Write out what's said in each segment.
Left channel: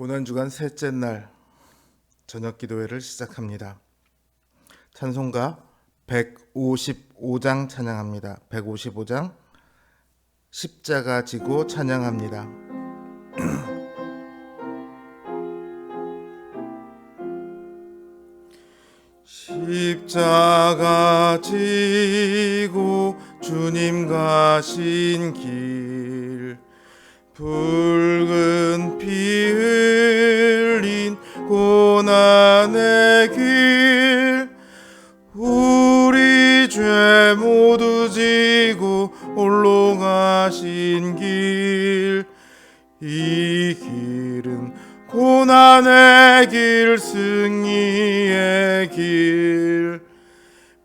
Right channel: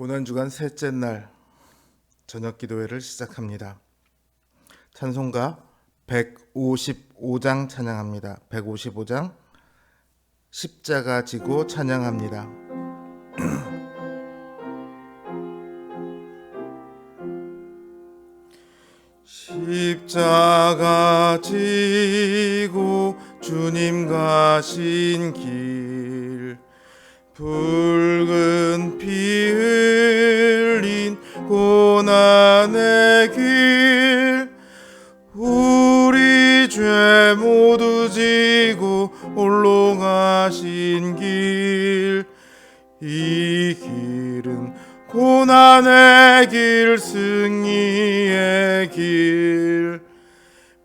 고난주간 셋째 날 저녁 기도회를 시작합니다. 찬송가 155장 찬양합니다. 155장 십자가 지고 찬양합니다. 십자가 지고 주님 가신 길, 붉은 피 흘린 고난의 길, 우리 죄 모두 지고 홀로 가신 길, 이 길은 고난의 길, 승리의 길,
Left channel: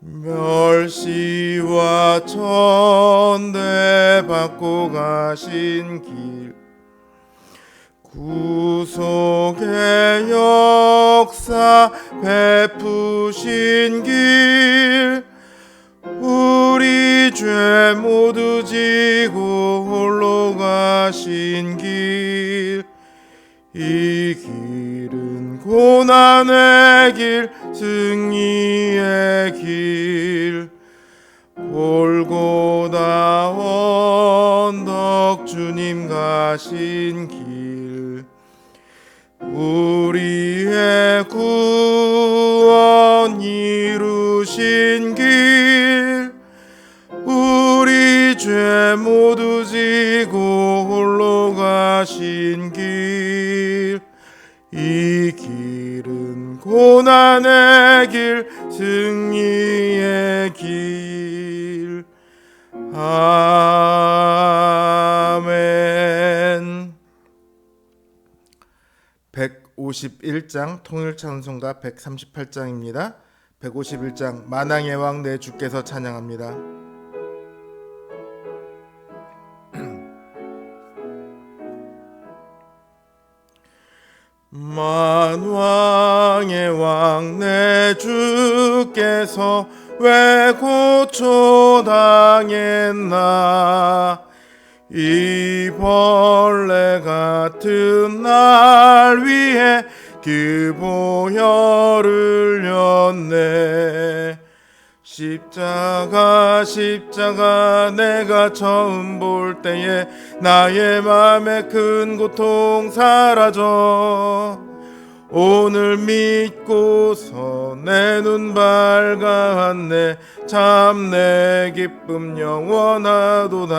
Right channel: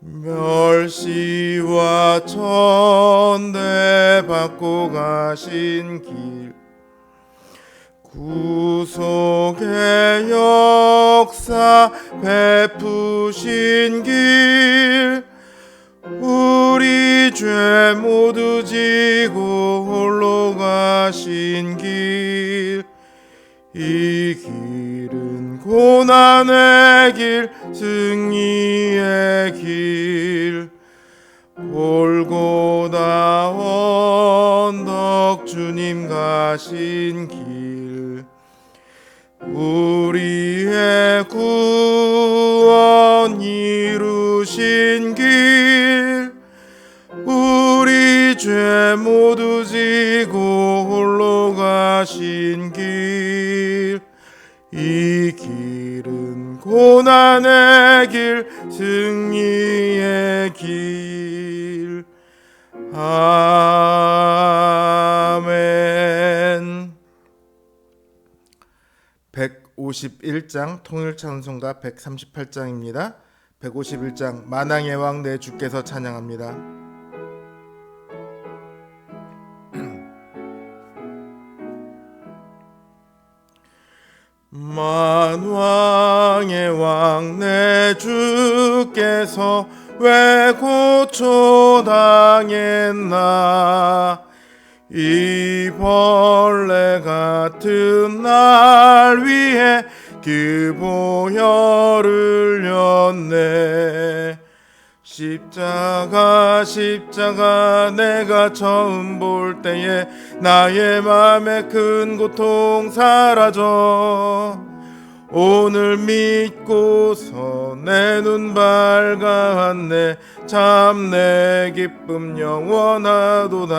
멸시와 천대 받고 가신 길, 구속의 역사 베푸신 길, 우리 죄 모두 지고 홀로 가신 길, 이 길은 고난의 길, 승리의 길, 골고다 언덕 주님 가신 길, 우리의 구원 이루신 길, 우리 죄 모두 지고 홀로 가신 길, 이 길은 고난의 길, 승리의 길. 아멘. 151장 통일찬송가 138장입니다. 151장 만왕의 왕 내 주께서 찬양합니다. 만왕의 왕 내 주께서 왜 고초당했나, 이 벌레 같은 날 위해 그 보혈을 흘렸네. 십자가 내가 처음 볼 때에 나의 맘에 큰 고통 사라져, 오늘 믿고서 내 눈 밝았네. 참 내 기쁨 영원하도다.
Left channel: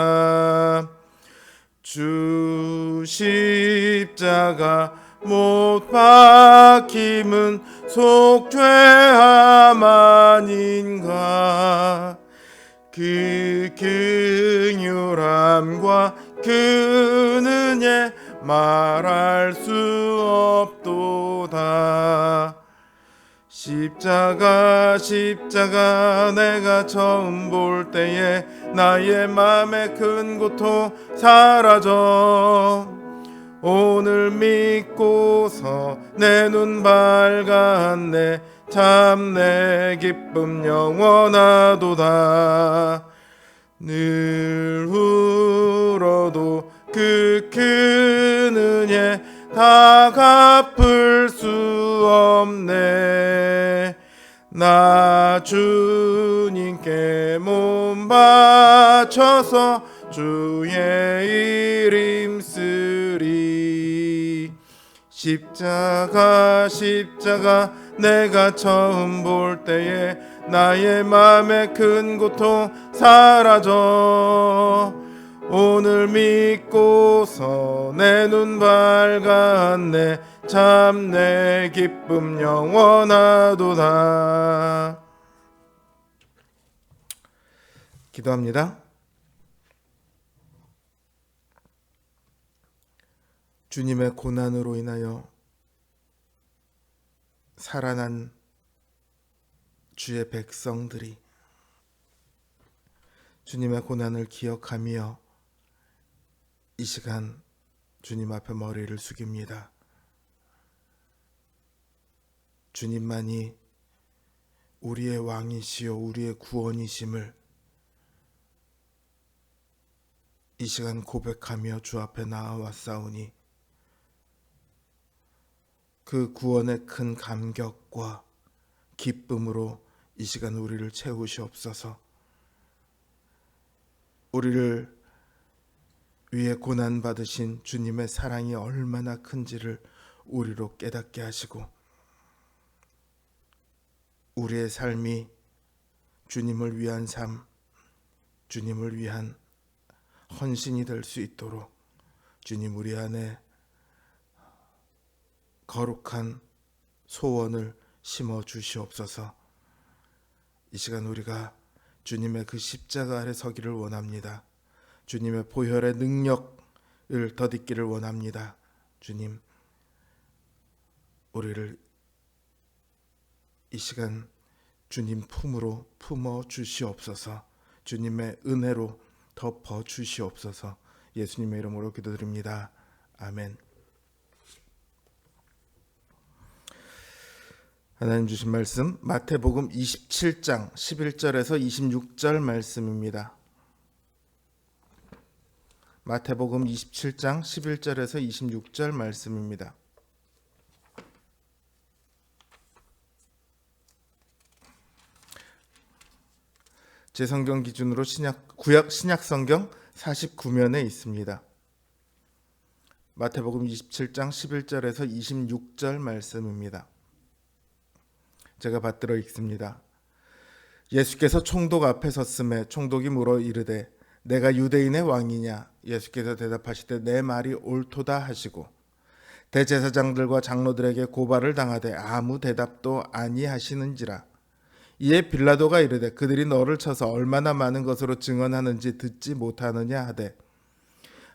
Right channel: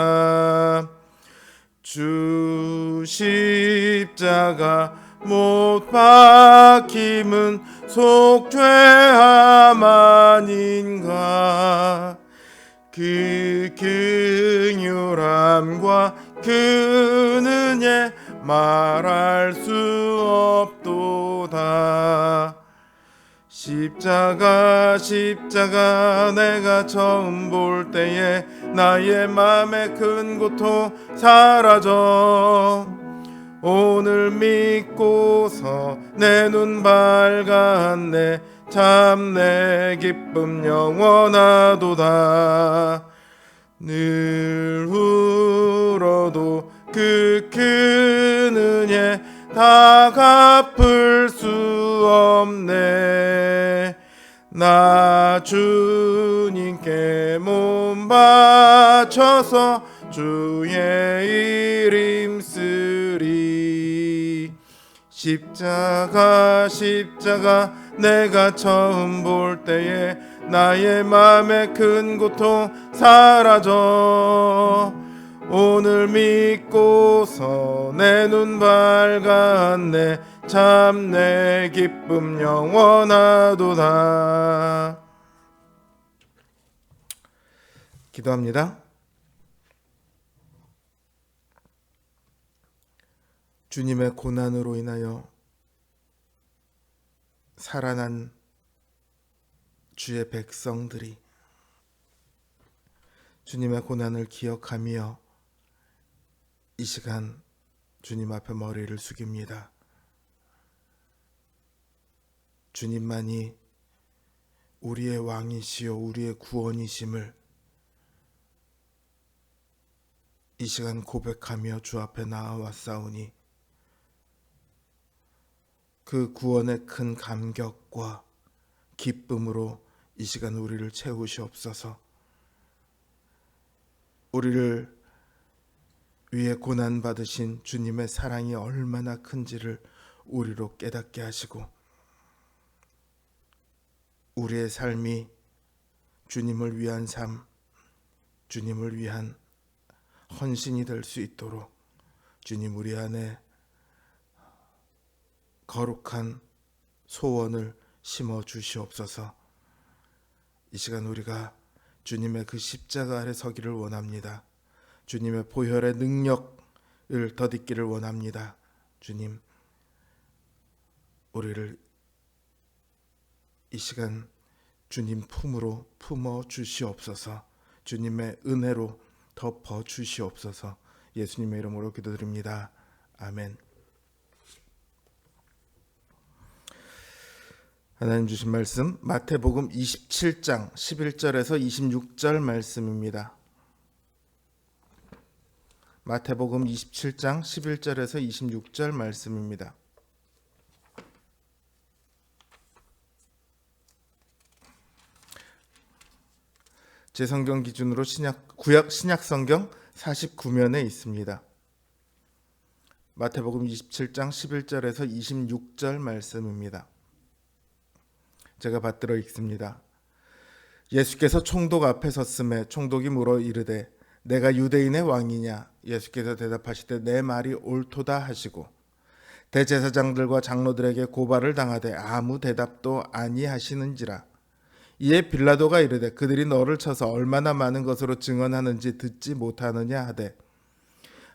주 십자가 못 박힘은 속죄함 아닌가, 그 긍휼함과 그 은혜 말할 수 없도다. 십자가 내가 처음 볼 때에 나의 맘에 큰 고통 사라져, 오늘 믿고서 내 눈 밝았네. 참 내 기쁨 영원하도다. 늘 울어도 그 큰 은혜 다 갚을 수 없네. 나 주님께 몸 바쳐서 주의 이름 쓰리. 십자가 내가 처음 볼 때에 나의 맘에 큰 고통 사라져, 오늘 믿고서 내 눈 밝았네. 참 내 기쁨 영원하도다. 기도합니다. 주님의 고난으로 인하여 살아난 주의 백성들이 주님의 고난을 기억하며 이 시간 주님 앞에 머리를 숙입니다. 주님만이 우리의 왕이시요 우리의 구원이심을 이 시간 고백하며 주 앞에 나아왔사오니 그 구원의 큰 감격과 기쁨으로 이 시간 우리를 채우시옵소서. 우리를 위해 고난받으신 주님의 사랑이 얼마나 큰지를 우리로 깨닫게 하시고, 우리의 삶이 주님을 위한 삶, 주님을 위한 헌신이 될 수 있도록 주님 우리 안에 거룩한 소원을 심어 주시옵소서. 이 시간 우리가 주님의 그 십자가 아래 서기를 원합니다. 주님의 보혈의 능력을 덧입기를 원합니다. 주님, 우리를 이 시간 주님 품으로 품어 주시옵소서. 주님의 은혜로 덮어 주시옵소서. 예수님의 이름으로 기도드립니다. 아멘. 하나님 주신 말씀 마태복음 27장 11절에서 26절 말씀입니다. 마태복음 27장 11절에서 26절 말씀입니다. 제 성경 기준으로 구약 신약 성경 49면에 있습니다. 마태복음 27장 11절에서 26절 말씀입니다. 제가 받들어 읽습니다. 예수께서 총독 앞에 섰음에 총독이 물어 이르되 내가 유대인의 왕이냐? 예수께서 대답하시되 내 말이 옳도다 하시고 대제사장들과 장로들에게 고발을 당하되 아무 대답도 아니하시는지라. 이에 빌라도가 이르되 그들이 너를 쳐서 얼마나 많은 것으로 증언하는지 듣지 못하느냐 하되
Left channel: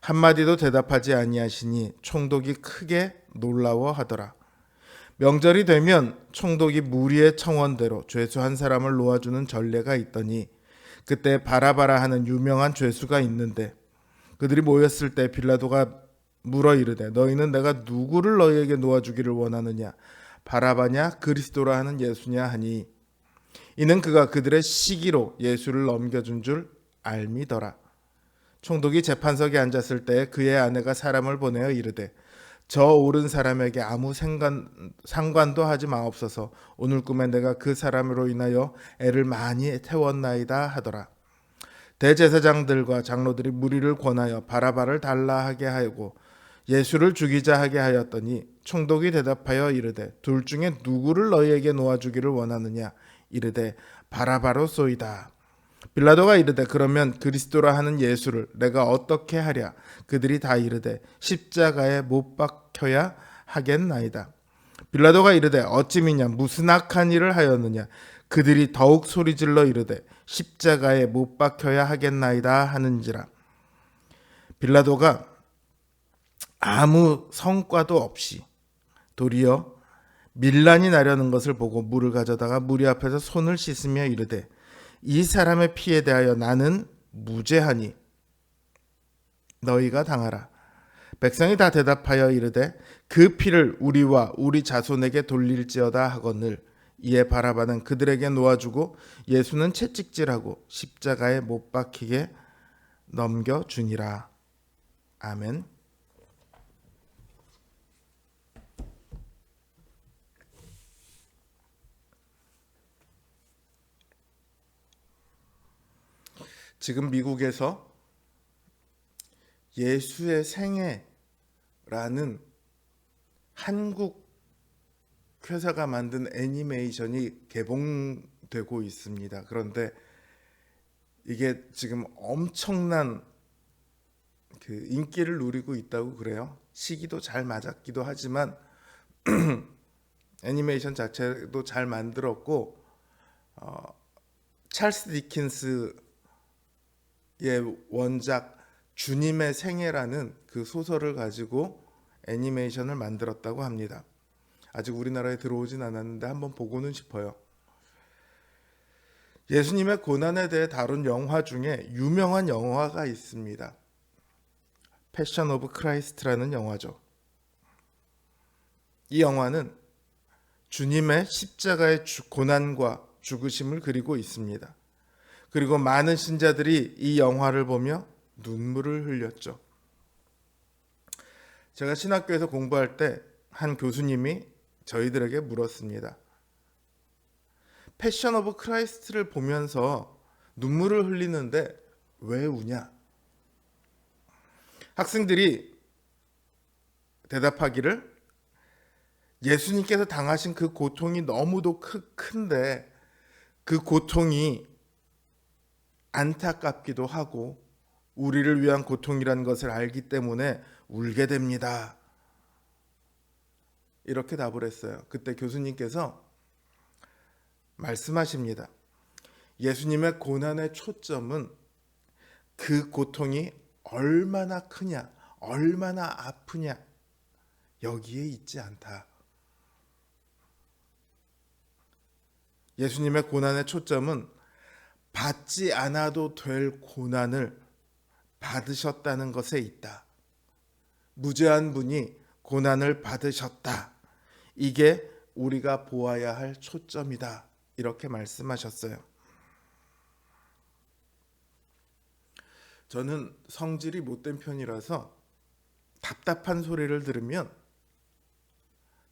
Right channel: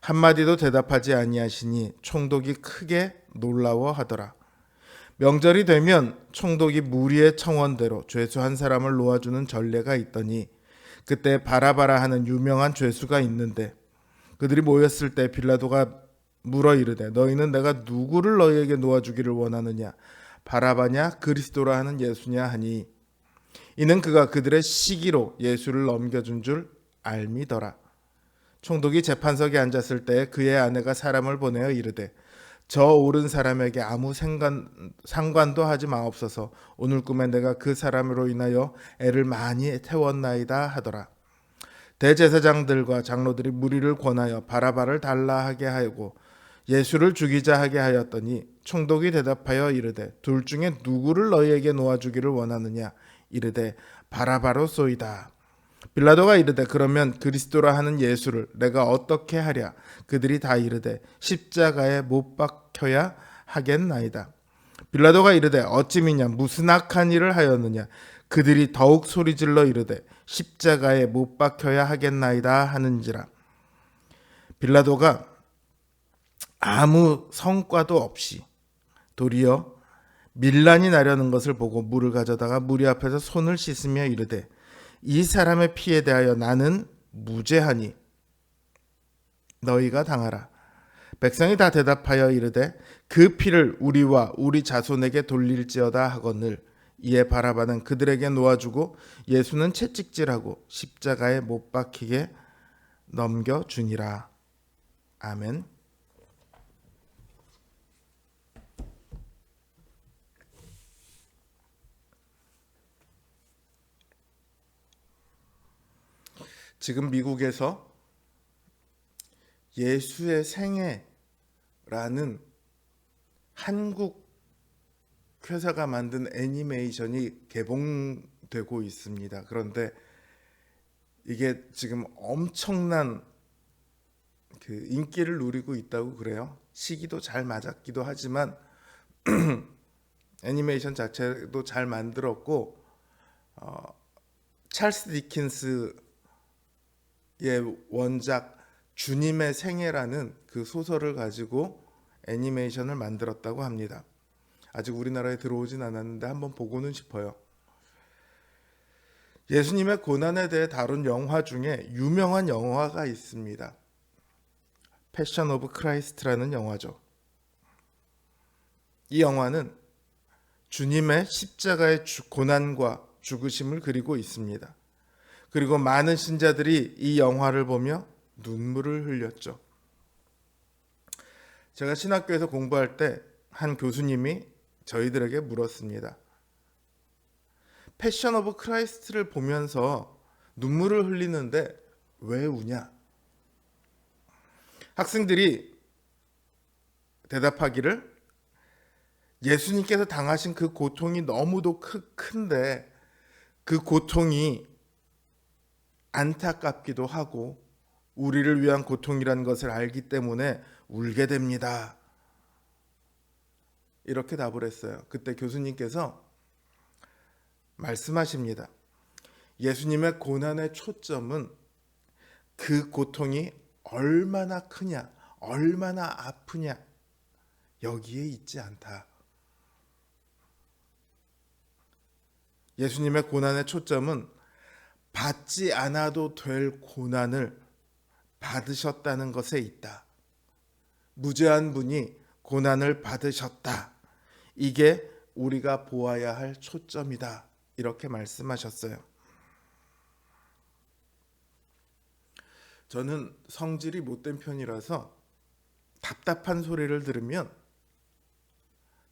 한마디도 대답하지 아니하시니 총독이 크게 놀라워하더라. 명절이 되면 총독이 무리의 청원대로 죄수 한 사람을 놓아주는 전례가 있더니 그때 바라바라 하는 유명한 죄수가 있는데 그들이 모였을 때 빌라도가 물어 이르되 너희는 내가 누구를 너희에게 놓아주기를 원하느냐? 바라바냐 그리스도라 하는 예수냐 하니 이는 그가 그들의 시기로 예수를 넘겨준 줄 알미더라. 총독이 재판석에 앉았을 때 그의 아내가 사람을 보내어 이르되 저 옳은 사람에게 아무 상관도 하지 마옵소서. 오늘 꿈에 내가 그 사람으로 인하여 애를 많이 태웠나이다 하더라. 대제사장들과 장로들이 무리를 권하여 바라바를 달라 하게 하고 예수를 죽이자 하게 하였더니 총독이 대답하여 이르되 둘 중에 누구를 너희에게 놓아주기를 원하느냐? 이르되 바라바로소이다. 빌라도가 이르되 그러면 그리스도라 하는 예수를 내가 어떻게 하랴? 그들이 다 이르되 십자가에 못 박혀야 하겠나이다. 빌라도가 이르되 어찌 미냐? 무슨 악한 일을 하였느냐? 그들이 더욱 소리질러 이르되 십자가에 못 박혀야 하겠나이다 하는지라. 빌라도가 아무 성과도 없이 도리어 밀란이 나려는 것을 보고 물을 가져다가 무리 앞에서 손을 씻으며 이르되 이 사람의 피에 대하여 나는 무죄하니 너희가 당하라. 백성이 다 대답하여 이르되 그 피를 우리와 우리 자손에게 돌릴지어다 하거늘. 이에 바라바는 그들에게 놓아주고 예수는 채찍질하고 십자가에 못 박히게 넘겨주니라. 아멘. 지금 미국에서 예수의 생애라는 한국 회사가 만든 애니메이션이 개봉되고 있습니다. 그런데 이게 지금 엄청난 그 인기를 누리고 있다고 그래요. 시기도 잘 맞았기도 하지만 애니메이션 자체도 잘 만들었고 찰스 디킨스의 원작 주님의 생애라는 그 소설을 가지고 애니메이션을 만들었다고 합니다. 아직 우리나라에 들어오진 않았는데 한번 보고는 싶어요. 예수님의 고난에 대해 다룬 영화 중에 유명한 영화가 있습니다. 패션 오브 크라이스트라는 영화죠. 이 영화는 주님의 십자가의 고난과 죽으심을 그리고 있습니다. 그리고 많은 신자들이 이 영화를 보며 눈물을 흘렸죠. 제가 신학교에서 공부할 때 한 교수님이 저희들에게 물었습니다. 패션 오브 크라이스트를 보면서 눈물을 흘리는데 왜 우냐? 학생들이 대답하기를 예수님께서 당하신 그 고통이 너무도 큰데 그 고통이 안타깝기도 하고 우리를 위한 고통이라는 것을 알기 때문에 울게 됩니다. 이렇게 답을 했어요. 그때 교수님께서 말씀하십니다. 예수님의 고난의 초점은 그 고통이 얼마나 크냐, 얼마나 아프냐 여기에 있지 않다. 예수님의 고난의 초점은 받지 않아도 될 고난을 받으셨다는 것에 있다. 무죄한 분이 고난을 받으셨다. 이게 우리가 보아야 할 초점이다. 이렇게 말씀하셨어요. 저는 성질이 못된 편이라서 답답한 소리를 들으면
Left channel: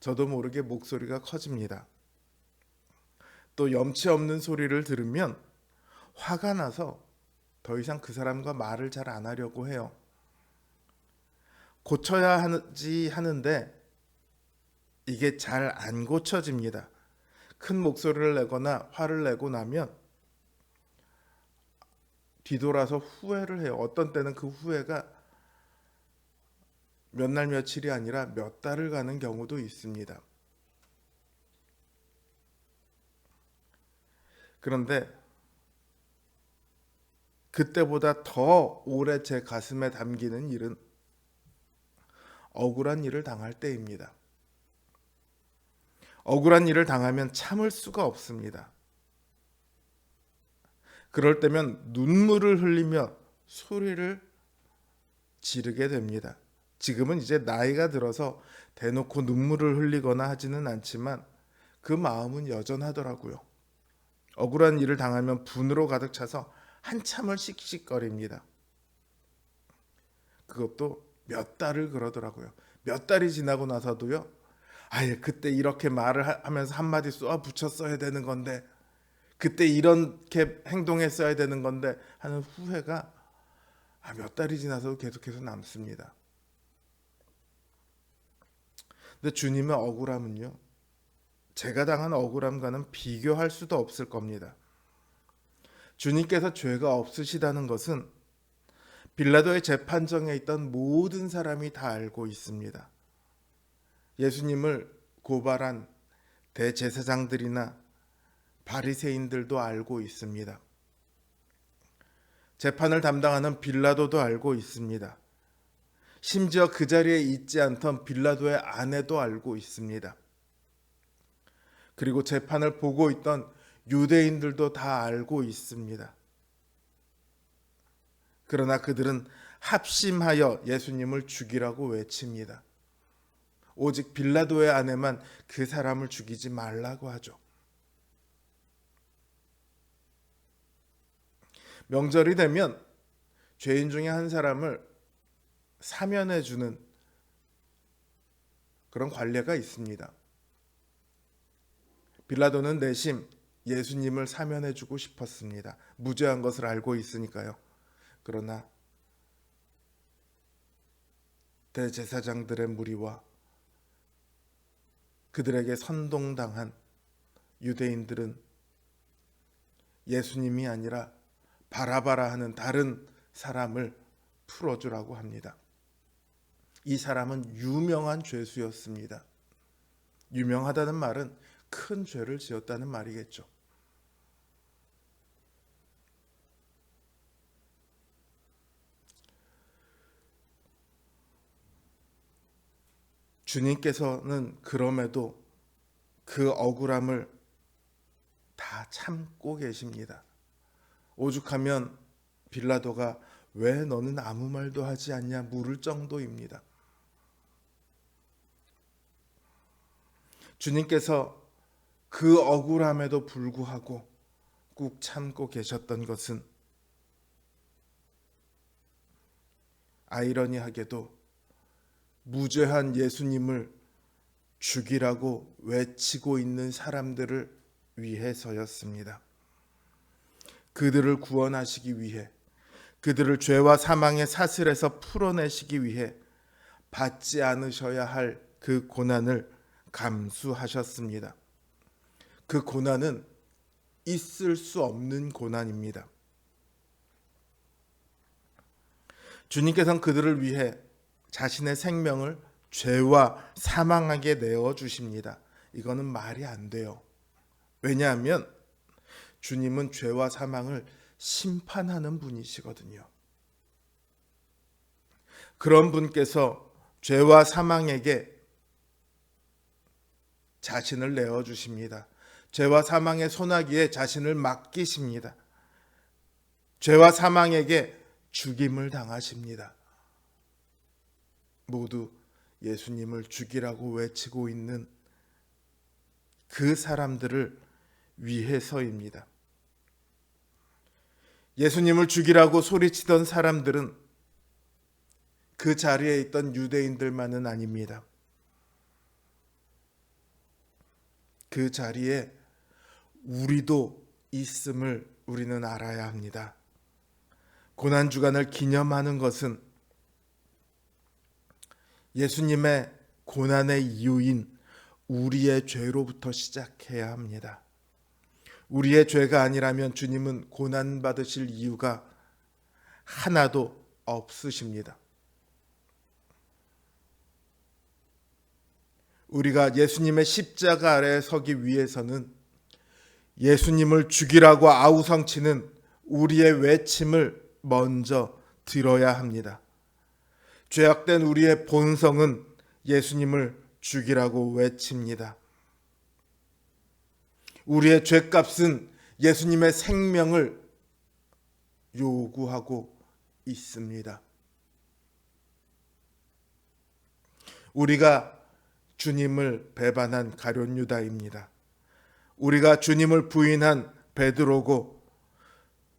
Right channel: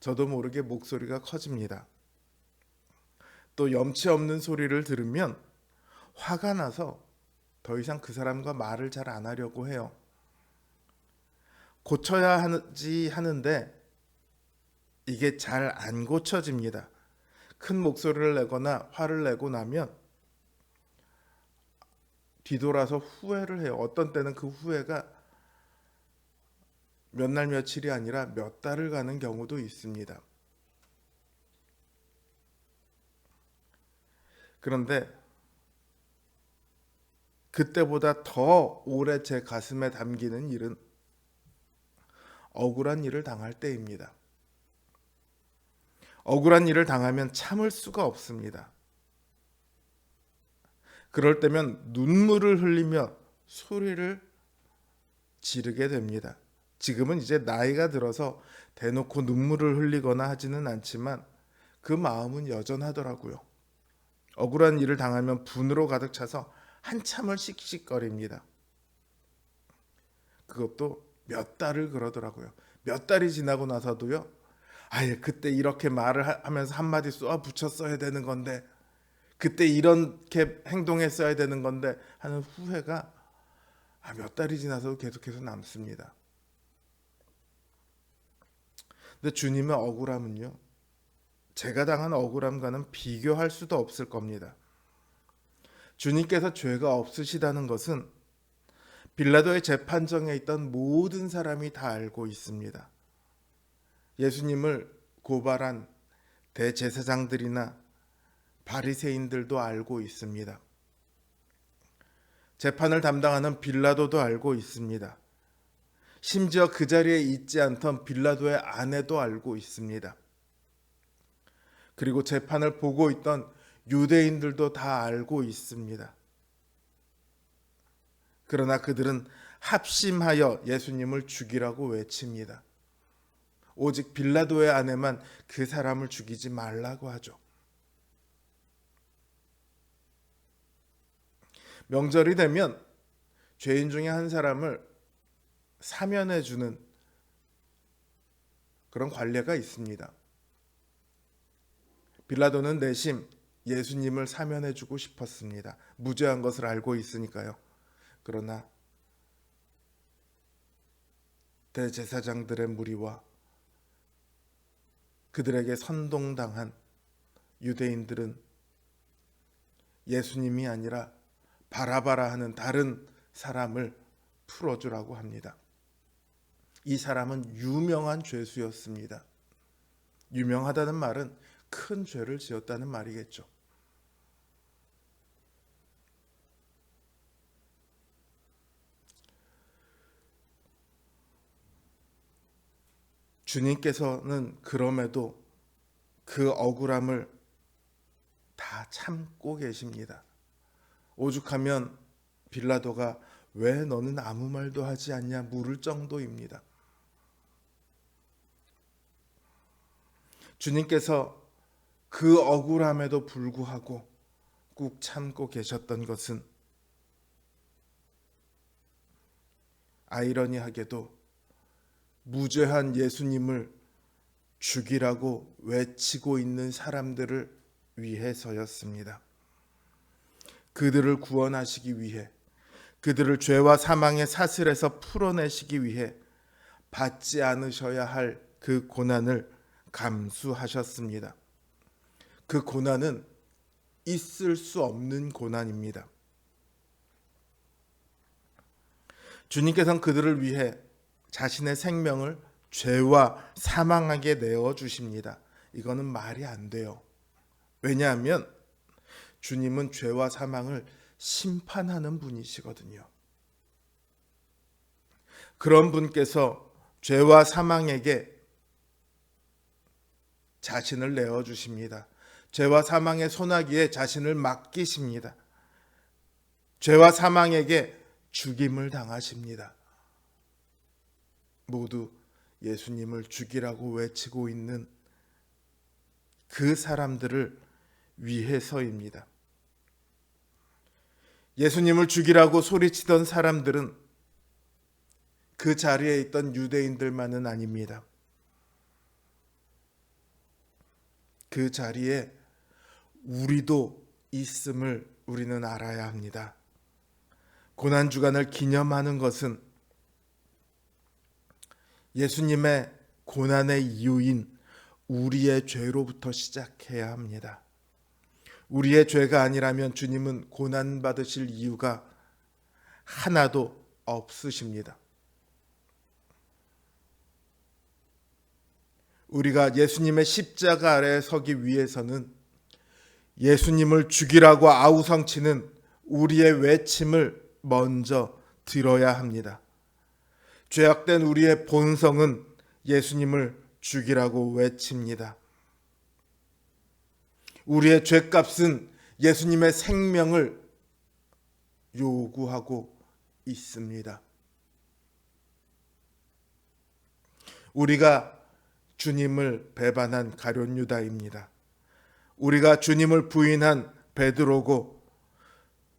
저도 모르게 목소리가 커집니다. 또 염치 없는 소리를 들으면 화가 나서 더 이상 그 사람과 말을 잘 안 하려고 해요. 고쳐야 하지 하는데 이게 잘 안 고쳐집니다. 큰 목소리를 내거나 화를 내고 나면 뒤돌아서 후회를 해요. 어떤 때는 그 후회가 몇 날 며칠이 아니라 몇 달을 가는 경우도 있습니다. 그런데 그때보다 더 오래 제 가슴에 담기는 일은 억울한 일을 당할 때입니다. 억울한 일을 당하면 참을 수가 없습니다. 그럴 때면 눈물을 흘리며 소리를 지르게 됩니다. 지금은 이제 나이가 들어서 대놓고 눈물을 흘리거나 하지는 않지만 그 마음은 여전하더라고요. 억울한 일을 당하면 분으로 가득 차서 한참을 씩씩거립니다. 그것도 몇 달을 그러더라고요. 몇 달이 지나고 나서도요. 아예 그때 이렇게 말을 하면서 한마디 쏘아 붙였어야 되는 건데 그때 이렇게 행동했어야 되는 건데 하는 후회가 몇 달이 지나서도 계속해서 남습니다. 근데 주님의 억울함은요. 제가 당한 억울함과는 비교할 수도 없을 겁니다. 주님께서 죄가 없으시다는 것은 빌라도의 재판정에 있던 모든 사람이 다 알고 있습니다. 예수님을 고발한 대제사장들이나 바리새인들도 알고 있습니다. 재판을 담당하는 빌라도도 알고 있습니다. 심지어 그 자리에 있지 않던 빌라도의 아내도 알고 있습니다. 그리고 재판을 보고 있던 유대인들도 다 알고 있습니다. 그러나 그들은 합심하여 예수님을 죽이라고 외칩니다. 오직 빌라도의 아내만 그 사람을 죽이지 말라고 하죠. 명절이 되면 죄인 중에 한 사람을 사면해 주는 그런 관례가 있습니다. 빌라도는 내심 예수님을 사면해 주고 싶었습니다. 무죄한 것을 알고 있으니까요. 그러나 대제사장들의 무리와 그들에게 선동당한 유대인들은 예수님이 아니라 바라바라 하는 다른 사람을 풀어주라고 합니다. 이 사람은 유명한 죄수였습니다. 유명하다는 말은 큰 죄를 지었다는 말이겠죠. 주님께서는 그럼에도 그 억울함을 다 참고 계십니다. 오죽하면 빌라도가 왜 너는 아무 말도 하지 않냐 물을 정도입니다. 주님께서 그 억울함에도 불구하고 꾹 참고 계셨던 것은 아이러니하게도 무죄한 예수님을 죽이라고 외치고 있는 사람들을 위해서였습니다. 그들을 구원하시기 위해, 그들을 죄와 사망의 사슬에서 풀어내시기 위해 받지 않으셔야 할 그 고난을 감수하셨습니다. 그 고난은 있을 수 없는 고난입니다. 주님께서는 그들을 위해 자신의 생명을 죄와 사망하게 내어주십니다. 이거는 말이 안 돼요. 왜냐하면 주님은 죄와 사망을 심판하는 분이시거든요. 그런 분께서 죄와 사망에게 자신을 내어주십니다. 죄와 사망의 소나기에 자신을 맡기십니다. 죄와 사망에게 죽임을 당하십니다. 모두 예수님을 죽이라고 외치고 있는 그 사람들을 위해서입니다. 예수님을 죽이라고 소리치던 사람들은 그 자리에 있던 유대인들만은 아닙니다. 그 자리에 우리도 있음을 우리는 알아야 합니다. 고난주간을 기념하는 것은 예수님의 고난의 이유인 우리의 죄로부터 시작해야 합니다. 우리의 죄가 아니라면 주님은 고난받으실 이유가 하나도 없으십니다. 우리가 예수님의 십자가 아래에 서기 위해서는 예수님을 죽이라고 아우성치는 우리의 외침을 먼저 들어야 합니다. 죄악된 우리의 본성은 예수님을 죽이라고 외칩니다. 우리의 죄값은 예수님의 생명을 요구하고 있습니다. 우리가 주님을 배반한 가룟 유다입니다. 우리가 주님을 부인한 베드로고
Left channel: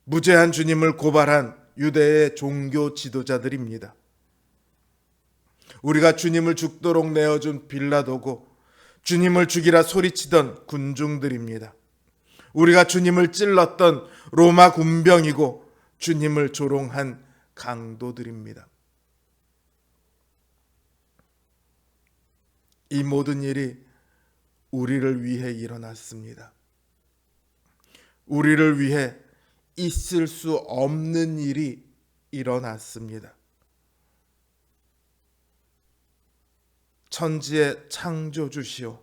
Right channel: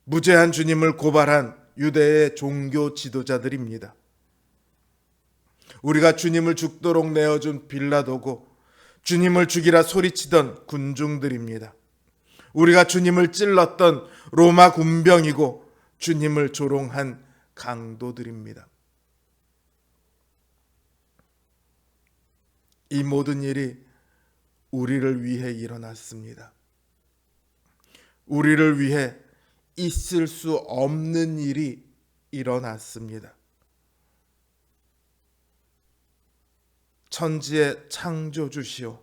무죄한 주님을 고발한 유대의 종교 지도자들입니다. 우리가 주님을 죽도록 내어준 빌라도고 주님을 죽이라 소리치던 군중들입니다. 우리가 주님을 찔렀던 로마 군병이고 주님을 조롱한 강도들입니다. 이 모든 일이 우리를 위해 일어났습니다. 우리를 위해 있을 수 없는 일이 일어났습니다. 천지의 창조주시오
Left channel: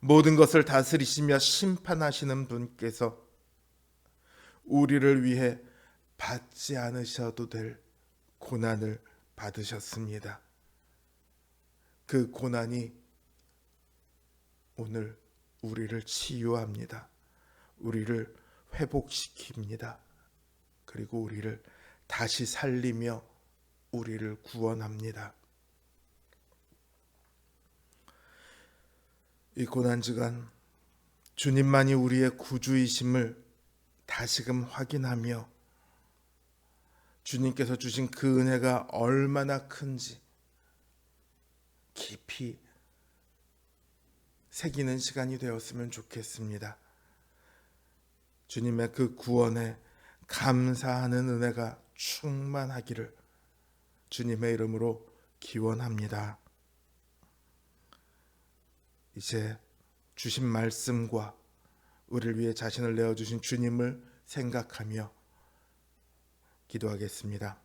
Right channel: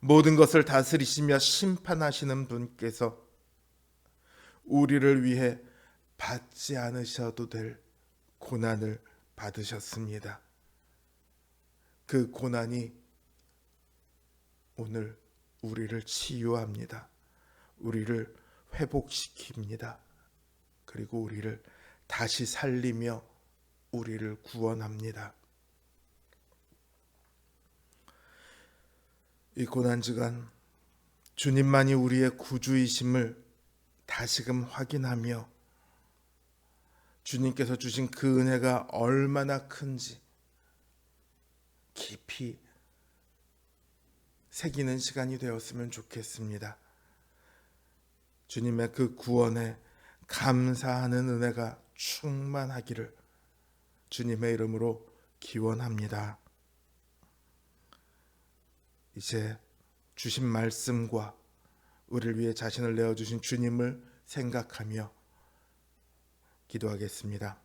모든 것을 다스리시며 심판하시는 분께서 우리를 위해 받지 않으셔도 될 고난을 받으셨습니다. 그 고난이 오늘 우리를 치유합니다. 우리를 회복시킵니다. 그리고 우리를 다시 살리며 우리를 구원합니다. 이 고난주간 주님만이 우리의 구주이심을 다시금 확인하며 주님께서 주신 그 은혜가 얼마나 큰지 깊이 새기는 시간이 되었으면 좋겠습니다. 주님의 그 구원에 감사하는 은혜가 충만하기를 주님의 이름으로 기원합니다. 이제 주신 말씀과 우리를 위해 자신을 내어주신 주님을 생각하며 기도하겠습니다.